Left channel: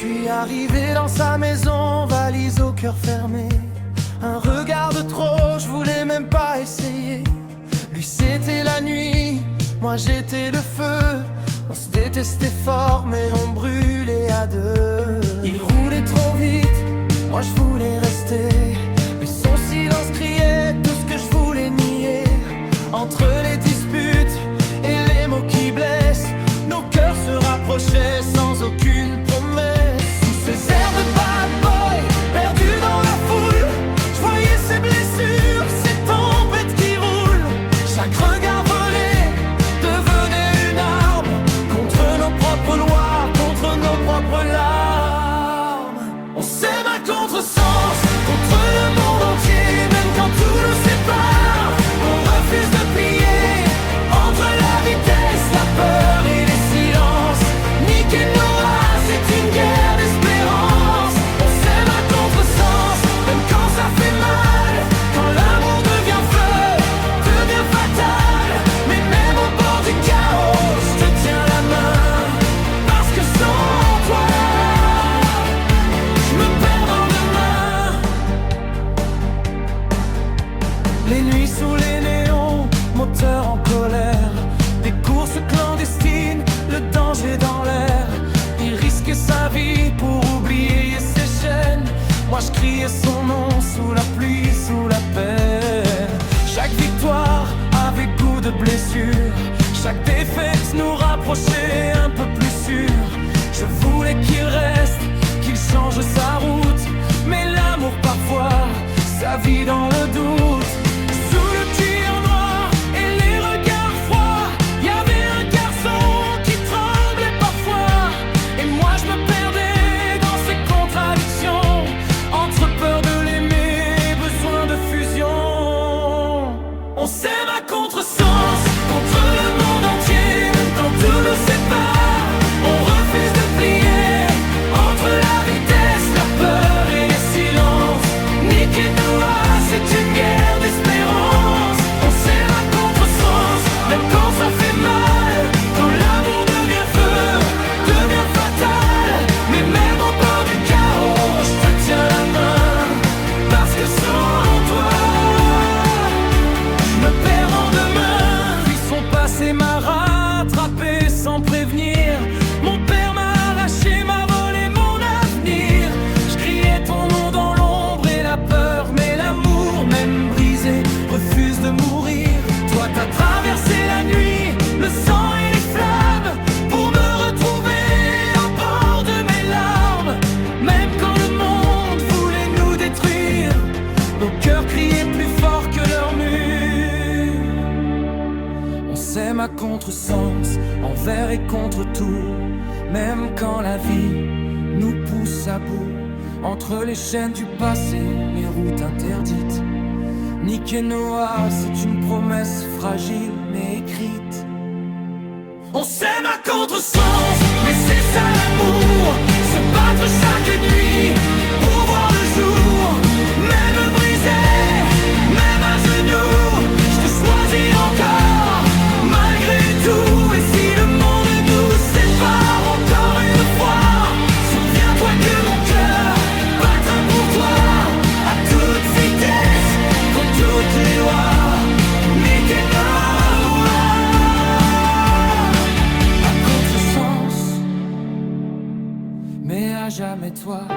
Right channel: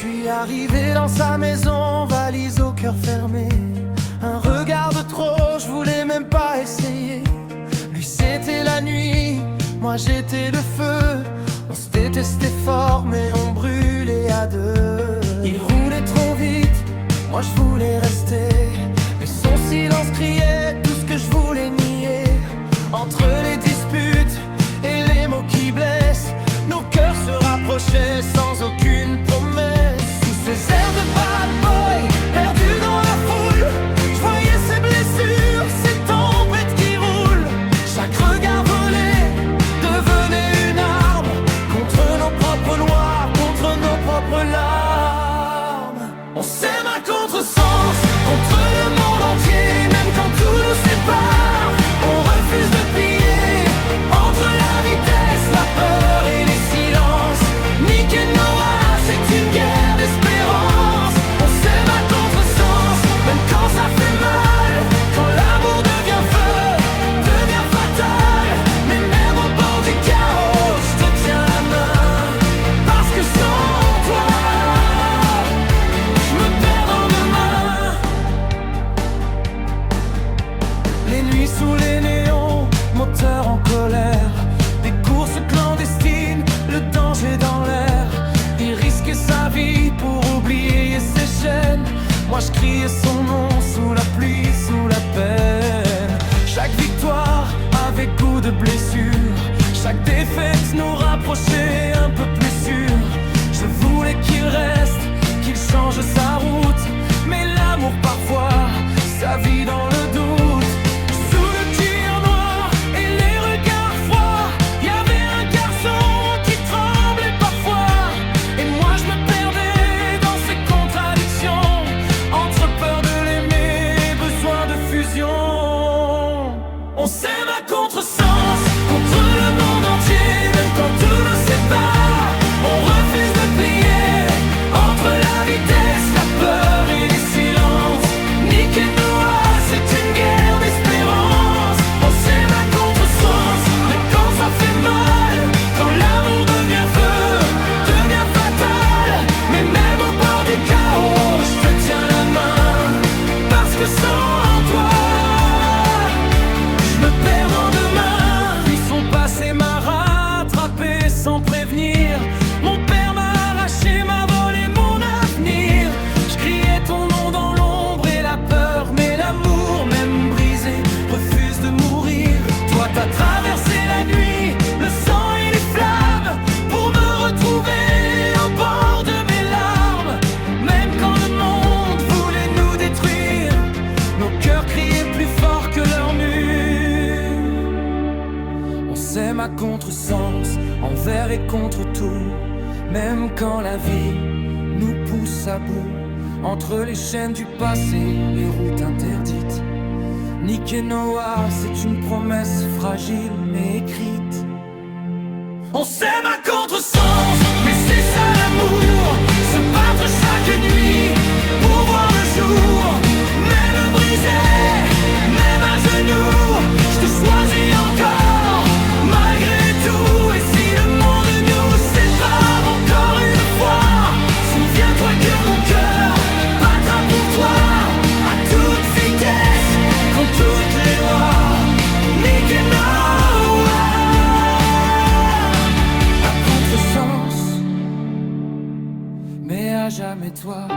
suis arrivé dans sa maison, valise au cœur fermé. Un regard de trop, je voulais même pas essayer. Lui c'était la nuit, moi j'étais le feu. On se détestait fort mais on brûlait à deux. Il roulait trop vite, moi je voulais rester. Mais son silence criait tout ce que je voulais nier. Entre les disputes et les mots qui blessent, nos cœurs se rapprochaient sans aucune promesse. Sous ces airs de bad boy, perdus dans la foule, je voyais ses blessures, ces tempêtes qui roulent. Chaque regard volé devenait une arme contre nos propres lois, contre nos propres larmes. On s'aime à contresens, contre le monde entier, même quand tout nous sépare. On refuse de plier entre la vitesse, la peur et les silences. Nick et Noah, c'est une guerre d'espérance. On s'aime à contresens, même quand ça fait mal. Quand l'amour devient feu, devient fatal. Mais même au bord du chaos, je te tiens la main. Parce que sans toi, je me perds dans demain. Les nuits sous les néons, moteur en colère. Des courses clandestines, le danger dans l'air. Il risquait sa vie pour oublier ses chaînes. Moi je criais son nom sous la pluie, sous la peine. Chaque victoire avait goût de blessure. Chaque défaite nous rapprochait un peu plus sûr. Je voulais qu'il reste, qu'il change sa route. Mais l'amour parfois, ça vit dans le doute. Sous le cuir noir et les regards froids, y avait un garçon qui tremblait parfois. Et moi je me perdais dans ces contradictions, entre peur de l'aimer et besoin de fusion. On s'aime à contresens, contre le monde entier, même quand tout nous sépare. On refuse de plier entre la vitesse, la peur et les silences. Nick et Noah, c'est une guerre d'espérance. On s'aime à contresens, même quand ça fait mal. Quand l'amour devient feu, devient fatal. Mais même au bord du chaos, je te tiens la main. Parce que sans toi, je me perds dans demain. Puis son passé m'a rattrapé sans prévenir. Mon père m'a arraché, m'a volé mon avenir. Je criais ton nom dans l'ombre et la peur, mais l'amour, même brisé, refuse de mourir. Toi t'as traversé la nuit, le sang et les flammes, pour me retrouver au bord de mes larmes. Même quand le monde voulait nous détruire, nos cœurs criaient plus fort que leurs murs. On s'aime à contresens, envers et contre tout. Même quand la vie nous pousse à bout, entre les chaînes du passé, les routes interdites. Nick et Noah, c'est une promesse fragile mais écrite. On s'aime à contresens, mais c'est ça l'amour. Se battre chaque nuit pour voir le jour. Même brisé, même à genoux, je te choisis encore, malgré tout. Et si le monde nous sépare encore une fois, souviens-toi que mon cœur battra pour toi à toute vitesse, contre toutes les lois. Nick et Noah, à contresens, mais à jamais toi.